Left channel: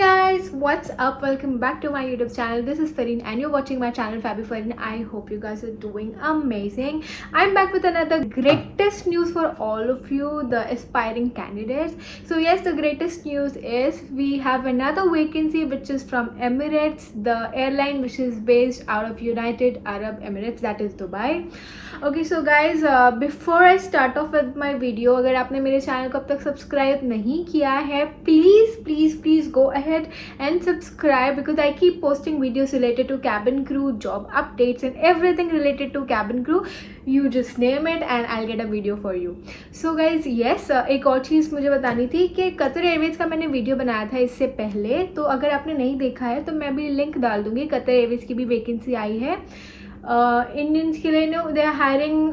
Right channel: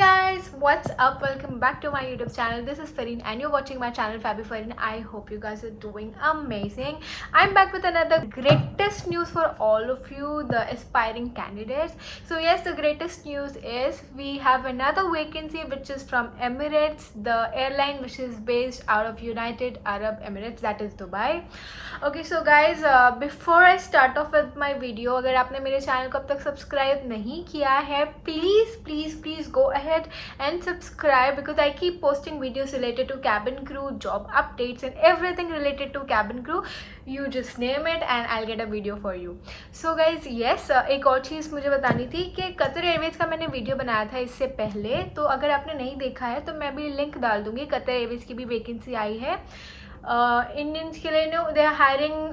guys, what's up? Welcome back to my YouTube channel. This is Fareen and you're watching my channel Fabi Fareen. I hope you guys are doing amazing. I'm back with another greatest news for all of you, the aspiring candidates. So yes, the greatest news is we have another vacancy which is from Emirates, the airline which is based out of United Arab Emirates, that is Dubai. Okay, so guys, before I start off with my video, अगर आपने मेरे channel को अब तक subscribe नहीं किया है, please go ahead and subscribe because I keep posting videos related to cabin crew, job updates and everything related to cabin crew. You just name it and I'll get a video for you. So guys, yes, एक और चीज़ मुझे बतानी थी कि Qatar Airways का मैंने video बनाया था इससे पहले, तो अगर आपने नहीं देखा है तो मैं भी लिंक डाल दूँगी. कतर एयरवेज की भी वैकेंसी आई है इंडियंस के लिए. No, they are hiring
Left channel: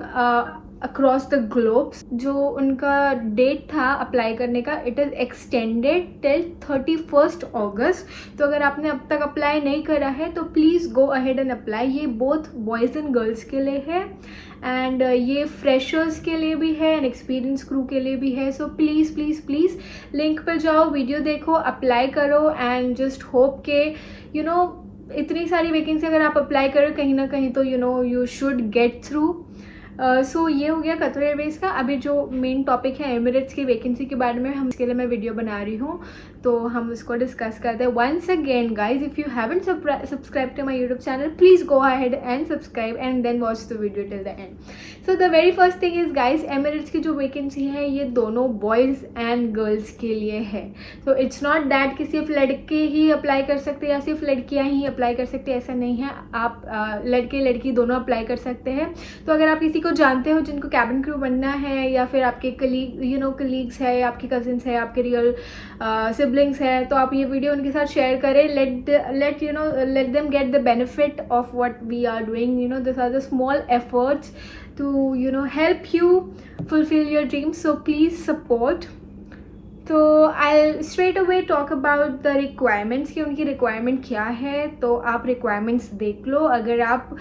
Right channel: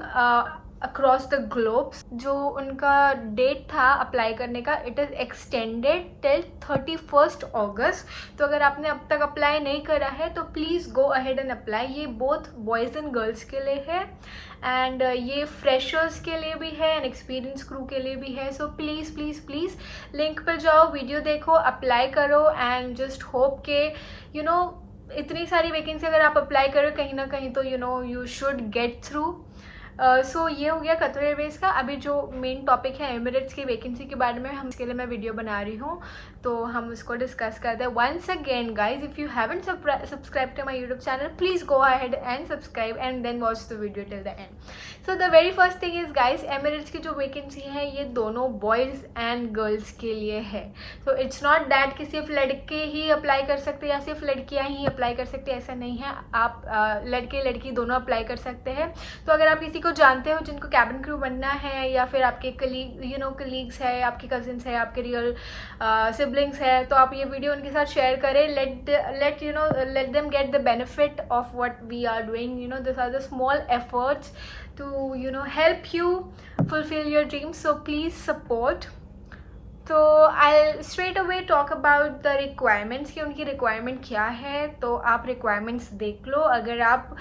across the globes. जो उनका डेट था अप्लाई करने का, it is extended till 31 August. तो अगर आपने अब तक अप्लाई नहीं करा है तो please go ahead and apply. ये बोथ बॉयज़ एंड गर्ल्स के लिए है एंड ये फ्रेशर्स के लिए भी है एंड एक्सपीरियंस क्रू के लिए भी है. सो प्लीज़ लिंक पर जाओ, वीडियो देखो, अप्लाई करो एंड जस्ट होप के यू नो इतनी सारी वैकेंसी अगर आप अप्लाई करो कहीं ना कहीं तो यू शुड गेट थ्रू. सो ये हो गया कतर एयरवेज का. अभी जो मेन टॉपिक है एमिरेट्स की वैकेंसी के बारे में, हम इसके लिए मैं वीडियो बना रही हूँ तो हम उसको डिस्कस करते हैं. Once again guys, if you haven't subscribe to my YouTube channel, please go ahead and subscribe and then watch the video till the end. So the very first thing is guys, Emirates की जो vacancy है ये दोनों boys and girls के लिए है. So it's not that कि सिर्फ लड़के ही अप्लाई कर सकते या सिर्फ लड़कियाँ ही अप्लाई कर सकते, ऐसा नहीं है. आप लड़के लड़की दोनों अप्लाई कर सकते हैं. तो अगर आप किसी को जानते हो जिनको कैबिन क्रू बनना है या फिर आपके कलीग्स है, आपके कजिन्स है, आपके रियल सिबलिंग्स है, तो आप ये वीडियो उनके साथ शेयर करें. Let them get the benefit of what we are doing. This are the small efforts to help you fulfill your dreams. So please support. तो I'll straight away talk about the requirements कि उनकी requirement क्या है. तो आप requirements देख लो. अगर आप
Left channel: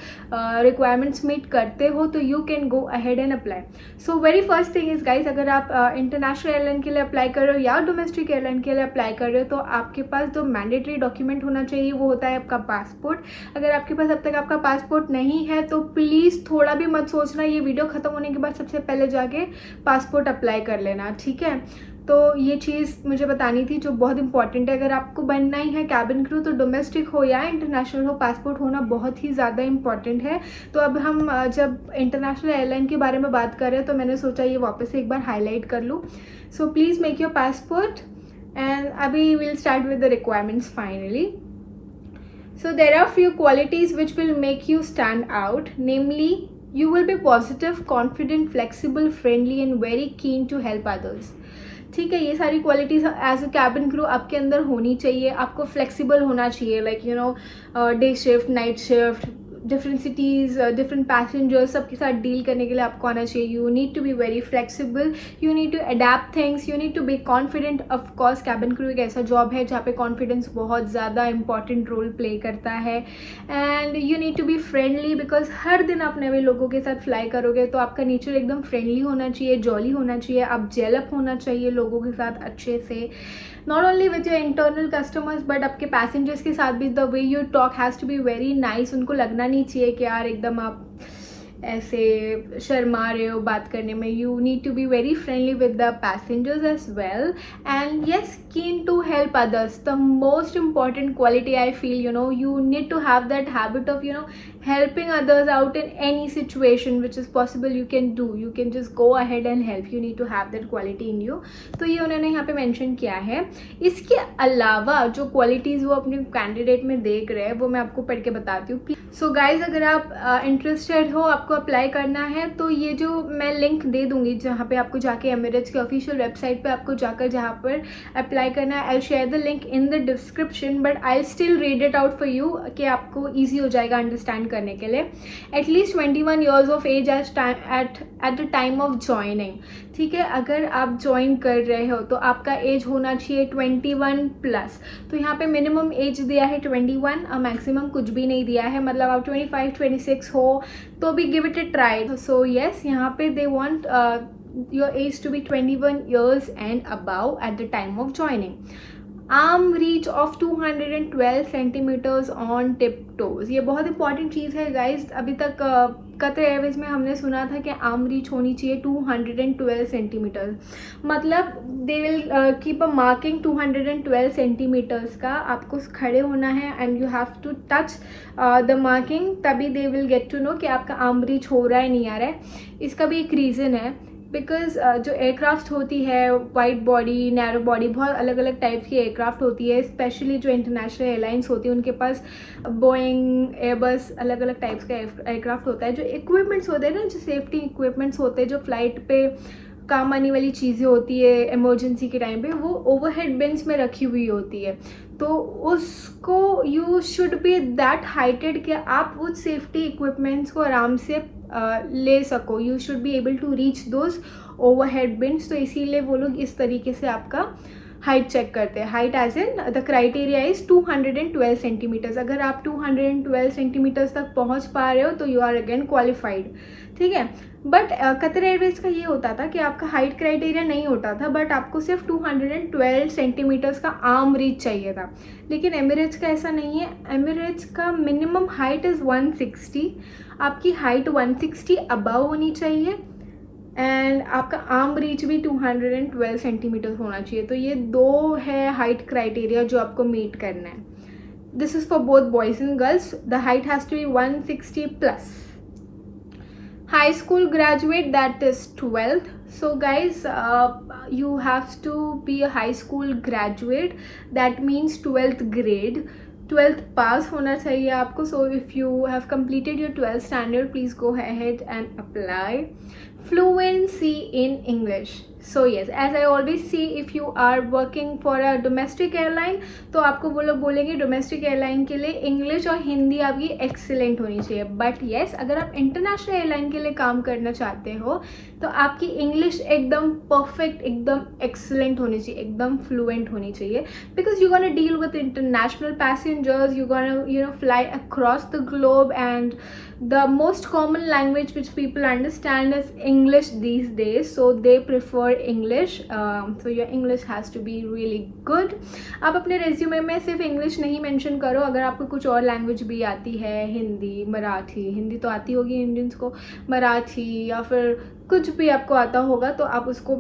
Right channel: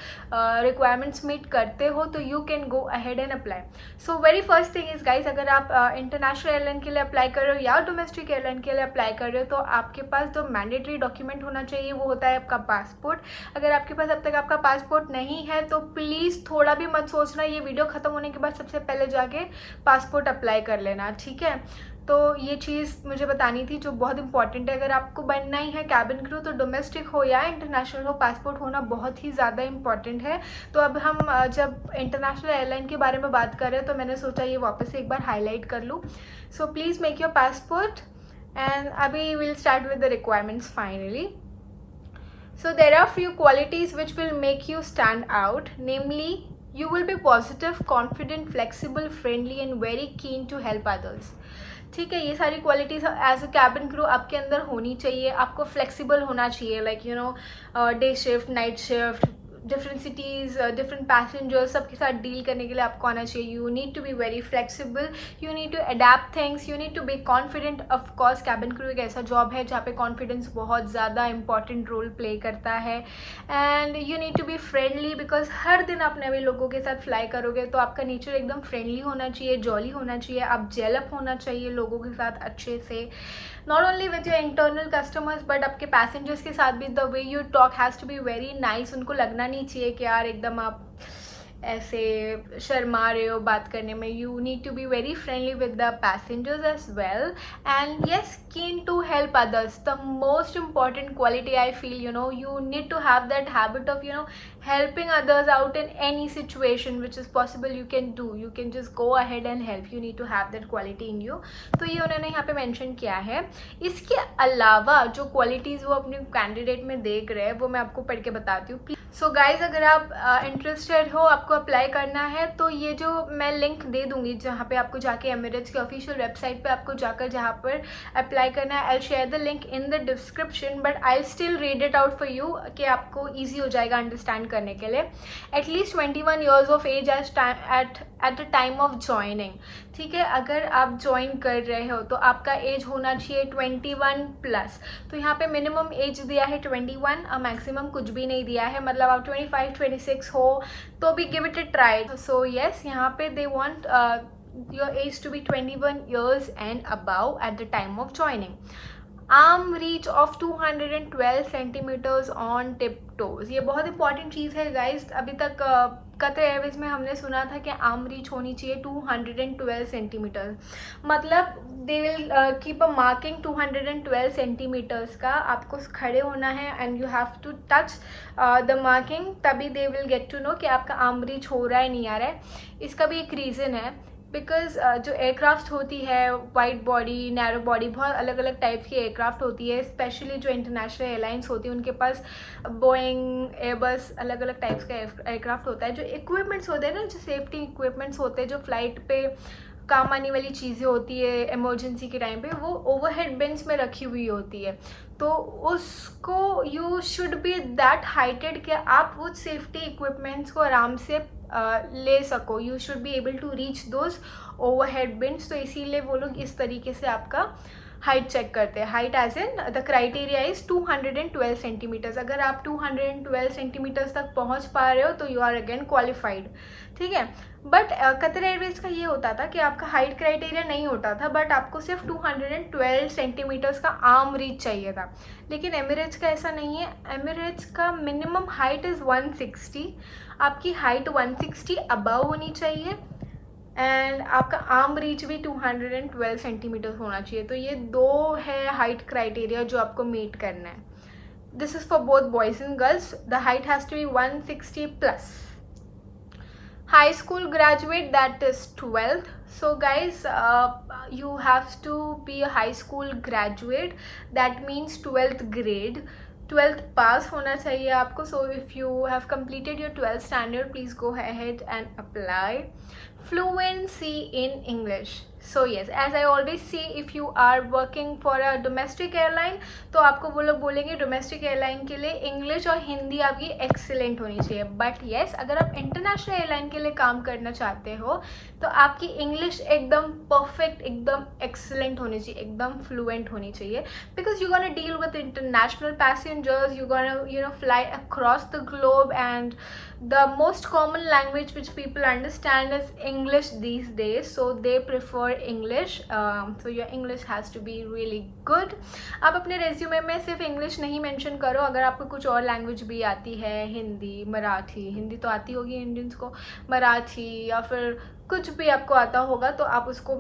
requirements meet करते हो तो you can go ahead and apply. So very first thing is guys, अगर आप international airline के लिए apply कर रहे हो या domestic airline के लिए apply कर रहे हो तो आपके पास जो mandatory document होना चाहिए वो होता है आपका पासपोर्ट. अगर आपके पास अब तक आपका पासपोर्ट नहीं है तो प्लीज़ थोड़ा भी मत सोचना, ये वीडियो ख़त्म होने के बाद सबसे पहले जाके पासपोर्ट अप्लाई कर लेना, ठीक है. तो ये चीज़ मुझे बतानी थी जो बहुत इंपॉर्टेंट है. अगर आपको बनना ही है कैबिन क्रू तो डोमेस्टिक हो या इंटरनेशनल हो, पासपोर्ट होना बहुत ही ज़्यादा इंपॉर्टेंट है. तो अब हम जब इंटरनेशनल एयरलाइन के बारे में बात कर रहे हैं तो मैंने सोचा ये वापस से एक बार हाईलाइट कर लूँ. So please make your passport and अभी will start with the requirements finally. So there are few qualities which will make you stand out, namely you will be positive, confident, flexible, friendly and very keen to help others. ठीक है, ये सारी qualities as a cabin crew आपके अंदर होनी चाहिए. आपको flexible होना चाहिए, like day shift, night shift, different cities, different passengers, सबके साथ डील करने के लिए आपको आना चाहिए. You need to be very flexible, you need to adapt things, you need to be confident. Of course cabin crew एक ऐसा जॉब है जहाँ पे कॉन्फिडेंस बहुत ज़्यादा इंपॉर्टेंट रोल प्ले करता है. And you need to be friendly because हर दिन आप नए लोगों के साथ फ्लाई करोगे तो आपका नेचर एकदम फ्रेंडली होना चाहिए, जॉली होना चाहिए. आप जेलअप होना चाहिए लोगों के साथ अच्छे से, not only with your internal customers but आपके पैसेंजर्स के साथ भी. The way you talk has to be very nice. उनको लगना नहीं चाहिए कि यार एकदम आप ऐसे शर्मा रहे हो बात करने में. You need to be very friendly with the passengers as well and yes, keen to help others. The most important quality I feel, you need to have that habit of helping others out in any situation which is possible. You can do, you can just go ahead and help. You need to have that quality in you. तो ये उन्होंने यहाँ पे mention किया है. इसके अलावा जो क्वालिटीज़ वो अपने कैंडिडेट में देख रहे हैं वो मैं आपको पढ़ के बताती हूँ. सो गाइज, अगर आप इंटरेस्टेड हो, आपको अप्लाई करना है तो ये जो मैं लिंक दे दूँगी जहाँ पे आपको जाके एमिरेट्स की ऑफिशियल वेबसाइट पे आपको जाकर जहाँ पर अप्लाई करना है, I share the link in the description but I still read it out for you कि आपको ईजी हो जाएगा अंडरस्टैंड करने के लिए. At least 21 years of age at the time of joining. ठीक है, अगर आप ज्वाइन कर रहे हो तो आपका एज होना चाहिए 21+. तो यहाँ पे मिनिमम एज दिया है 21 और मैक्सिमम कुछ भी नहीं दिया है. मतलब आप 25-26 हो तो भी give it a try. So yes, यहाँ पे they want your age to be 21 years and above at the time of joining. Arm reach of 212 centimetres on tip toes. ये बहुत इंपॉर्टेंट चीज़ है गाइज। अभी तक कतर एयरवेज में हमने सुना था कि आर्म रीच होनी चाहिए 212 सेंटीमीटर, मतलब they will keep a marking 212 centimetres का। आपको खड़े होना है and you have to touch the marking, तभी they will get to know कि आपका आर्म रीच हो रहा है नहीं आ रहा है। इसका भी एक रीज़न है, बिकॉज जो एयरक्राफ्ट होती है, वाइड बॉडी, नैरो बॉडी, बहुत अलग अलग टाइप की एयरक्राफ्ट होती है। स्पेशली जो इंटरनेशनल एयरलाइंस होती है उनके पास बोइंग, एयरबस, अलग अलग टाइप्स का एयरक्राफ्ट होता है। जो इक्विपमेंट्स होते हैं ना, जो सेफ्टी इक्विपमेंट्स होते हैं, जो फ्लाइट पे काम आने वाली चीज़ें होती है इमरजेंसी के टाइम पे, वो ओवरहेड बिन्स में रखी हुई होती है। तो उसको you should B that heighted कि आप उस सेफ्टी इक्विपमेंट्स को आराम से ले सको। You should be able to reach those overhead bins. तो इसीलिए वो लोग इस तरीके से आपका हाइट चेक करते हैं। Height as in the criteria is 212 centimetres. अगर आप 212 सेंटीमीटर्स तक पहुंच पा रहे हो तो यू आर अगेन क्वालिफाइड, ठीक है। बट कतर एयरवेज का ये होता था कि आपका हाइट क्राइटेरिया नहीं होता था, बट आपको सिर्फ 212 सेंटीमीटर्स का आर्म रीच चाहिए था। लेकिन एमिरेट्स का ऐसा नहीं है। एमिरेट्स का मिनिमम हाइट इज़ 160। आपकी हाइट 160 अबव होनी चाहिए एंड आपका आर्म रीच भी 212 सेंटीमीटर होना चाहिए। तो ये दो है हाइट क्राइटेरिया जो आपको मीट करना है। This is for both boys and girls. The height has to be 160 plus. High school graduate, that is 12th. So guys, you have to be a high school graduate, that means 12th grade, 12th pass होना चाहिए आपको. So if you have completed your 12th standard, please go ahead and apply. Fluency in English. So yes, as I always say, if you are working for a domestic airline, तो आपको वो लोग बोलेंगे domestic airline के लिए English और हिंदी आपकी excellent होनी चाहिए. बट येस, अगर आप इंटरनेशनल एयरलाइन के लिए काम करना चाहते हो तो आपकी इंग्लिश एकदम परफेक्ट, एकदम एक्सीलेंट होनी चाहिए, एकदम फ्लुएंट होनी चाहिए. Because you gonna deal with international passengers, you gonna fly across the globe, and the most common language which people understand is English these days, so they prefer English. So your English has to be really good. आप अपने resume में सिर्फ English नहीं mention करो. अगर आपको कुछ और लैंग्वेज भी आती है, हिंदी, मराठी, हिंदी तो आती होगी इंडियंस को, मराठी या फिर कुछ भी आपको आता होगा तो आप उसको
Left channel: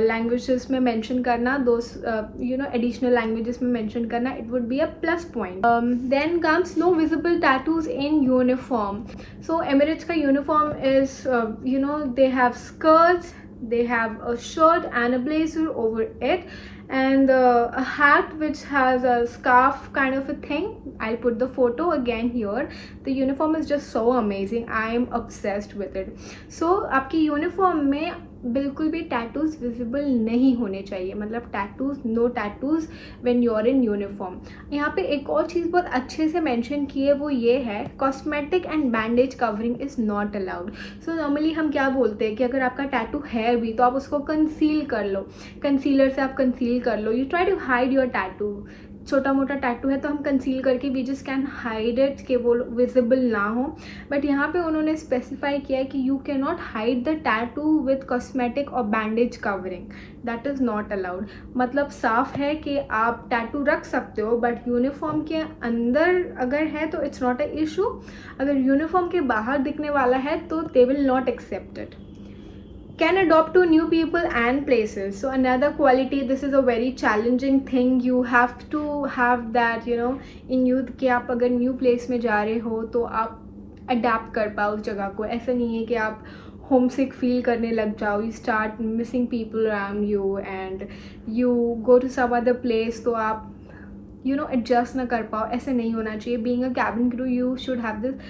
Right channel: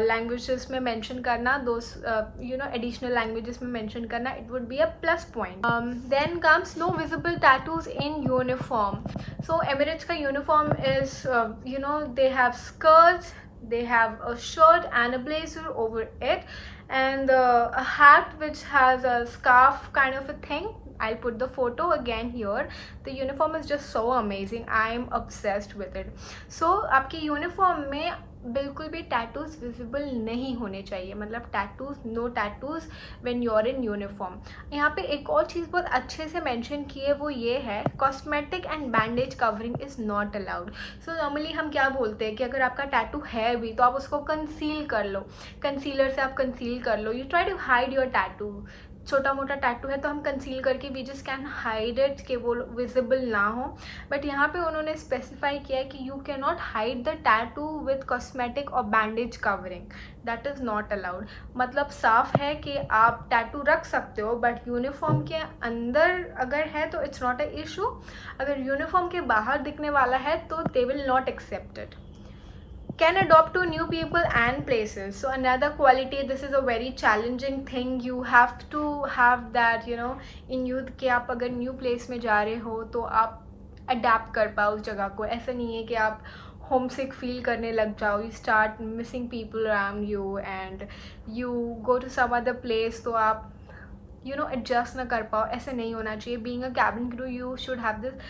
लैंग्वेजेस में मेंशन करना, दो एडिशनल लैंग्वेजेस में मेंशन करना. It would be a plus point. Then comes no visible tattoos in uniform. So Emirates ka uniform is, they have skirts, they have a shirt and a blazer over it, and a hat which has a scarf kind of a thing. I'll put the photo again here. The uniform is just so amazing. I am obsessed with it. So आपकी uniform में बिल्कुल भी tattoos visible नहीं होने चाहिए, मतलब tattoos, no tattoos when you are in uniform. यहाँ पे एक और चीज़ बहुत अच्छे से मेंशन की है, वो ये है cosmetic and bandage covering is not allowed. So normally हम क्या बोलते हैं कि अगर आपका टैटू है भी तो आप उसको कंसील कर लो, कंसीलर से आप कंसील कर लो. You try to hide your tattoo. छोटा मोटा टैटू है तो हम कंसील करके we just can hide it कि वो विजिबल ना हो. बट यहाँ पे उन्होंने स्पेसिफाई किया है कि you can not hide the tattoo with cosmetic और bandage covering. That is not allowed. मतलब साफ है कि आप टैटू रख सकते हो बट यूनिफॉर्म के अंदर अगर है तो इट्स नॉट अ इशू. अगर यूनिफॉर्म के बाहर दिखने वाला है तो they will not accept it. Can adopt to new people and places. So another quality, this is a very challenging thing. You have to have that, in youth कि आप अगर new place में जा रहे हो तो आप adapt कर पाओ उस जगह को. ऐसा नहीं है कि आप homesick feel करने लग जाओ. You start missing people around you and you go to some other place तो आप adjust ना कर पाओ. ऐसे नहीं होना चाहिए. Being a cabin crew, you should have this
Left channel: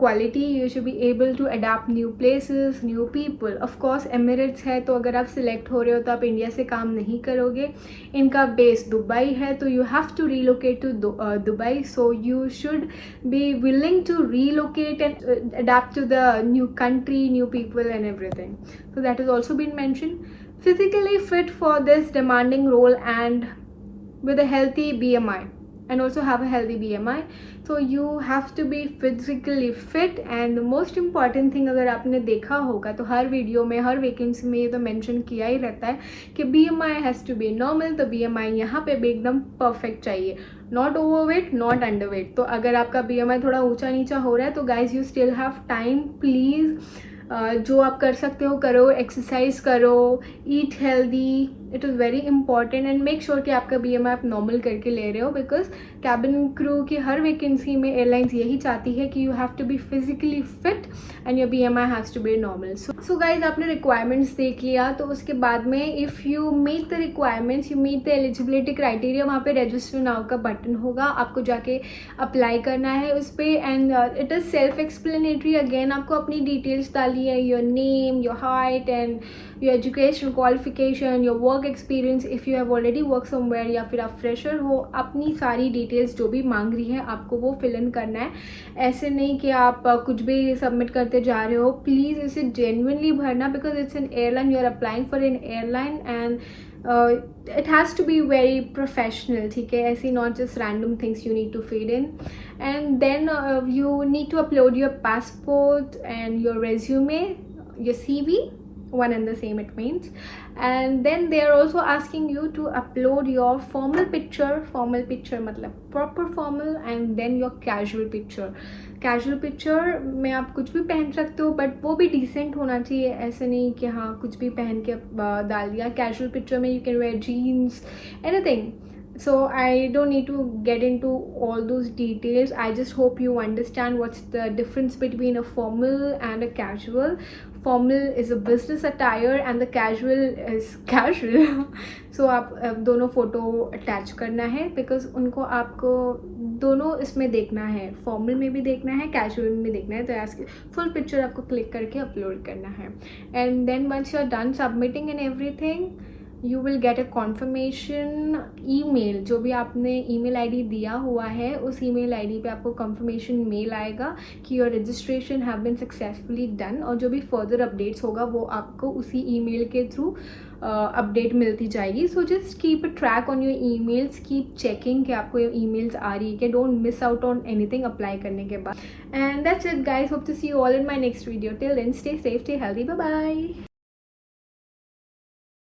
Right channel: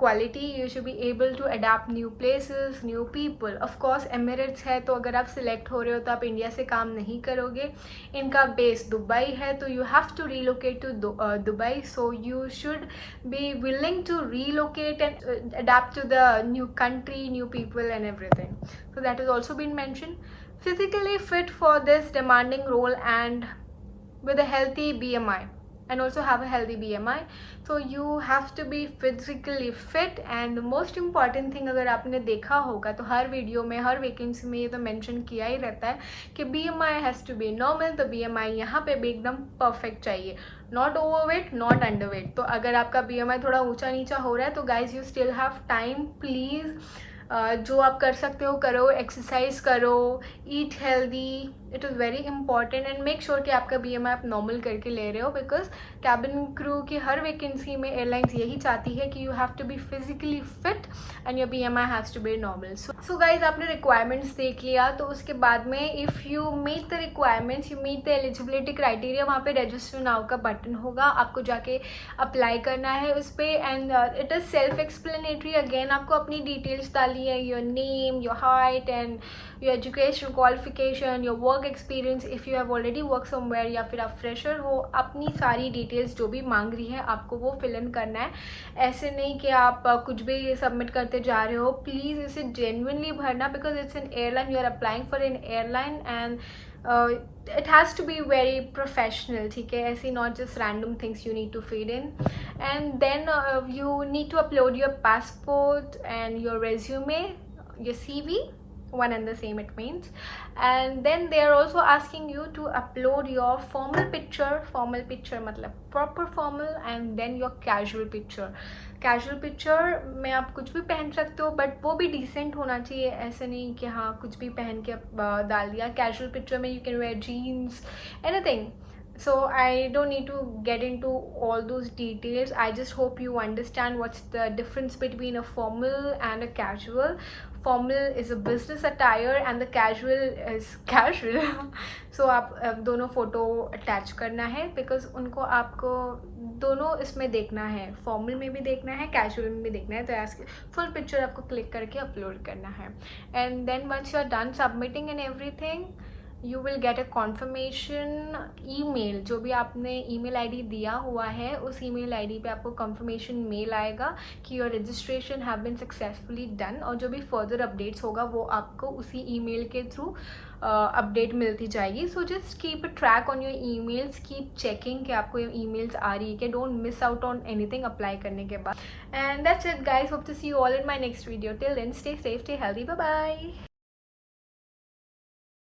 quality. You should be able to adapt new places, new people. Of course Emirates है तो अगर आप सिलेक्ट हो रहे हो तो आप इंडिया से काम नहीं करोगे. इनका बेस दुबई है तो you have to relocate to Dubai. So you should be willing to relocate and adapt to the new country, new people and everything. So that has also been mentioned. Physically fit for this demanding role and with a healthy BMI. and also have a healthy BMI. So you have to be physically fit. And most important thing, अगर आपने देखा होगा तो हर video में, हर vacancy में ये तो mention किया ही रहता है कि BMI has to be normal. तो BMI यहाँ पे भी एकदम परफेक्ट चाहिए, नॉट ओवरवेट, नॉट अंडरवेट. तो अगर आपका BMI थोड़ा ऊंचा नीचा हो रहा है तो guys you still have time. Please जो आप कर सकते हो करो, एक्सरसाइज करो, eat healthy. It is very important. And make sure कि आपका BMI आप नॉर्मल करके ले रहे हो, बिकॉज कैबिन क्रू की हर वैकेंसी में एयरलाइंस यही चाहती है कि you have to be physically fit and your BMI has to be normal. So guys आपने रिक्वायरमेंट्स देख लिया, तो उसके बाद में if you meet the requirements, you meet the eligibility criteria, वहाँ पे रजिस्टर नाउ का बटन होगा, आपको जाके अप्लाई करना है उस पर. And it is self explanatory. Again आपको अपनी डिटेल्स डाली है, your name, your height and your education qualification, your work experience if you have already work somewhere, या फिर आप फ्रेशर हो, अपनी सारी डिटेल्स जो भी मांग रही है आपको वो फिल इन करना है. ऐसे नहीं कि आप कुछ भी सबमिट करते जा रहे हो. प्लीज़ इसे जेन्युइनली भरना, because it's an airline, you are applying for an airline and it has to be very professional. ठीक है, ऐसी not just random things you need to feed in. And then you need to upload your passport and your resume, your CV, one and the same it means. And then they are also asking you to upload your formal picture मतलब proper formal, and then your casual picture में आप कुछ भी पहन सकते हो, but वो भी डिसेंट होना चाहिए. ऐसे नहीं कि हाँ कुछ भी पहन के डाल दिया. कैजुअल पिक्चर में you can wear jeans, anything. So I don't need to get into all those details. I just hope you understand what's the difference between a formal and a casual. Formal is a business attire and the casual is casual. So आप दोनों photo attach करना है, because उनको आपको दोनों इसमें देखना है, फॉर्मल में भी देखना है, कैजुअल में भी देखना है. तो ऐसे फुल पिक्चर आपको क्लिक करके अपलोड करना है. And then once you are done submitting and everything, you will get a confirmation email. जो भी आपने ईमेल आईडी दिया हुआ है उस ईमेल आईडी पे आपको कॉन्फर्मेशन मेल आएगा कि your registration have been successfully done. और जो भी फर्दर अपडेट्स होगा वो आपको उसी ईमेल के थ्रू अपडेट मिलती जाएगी. So just keep a track on your emails, keep checking कि आपको ये ईमेल्स आ रही है कि don't miss out on anything apply करने के बाद. And that's it guys, hope to see you all in my next video. Till then stay safe, stay healthy, bye bye.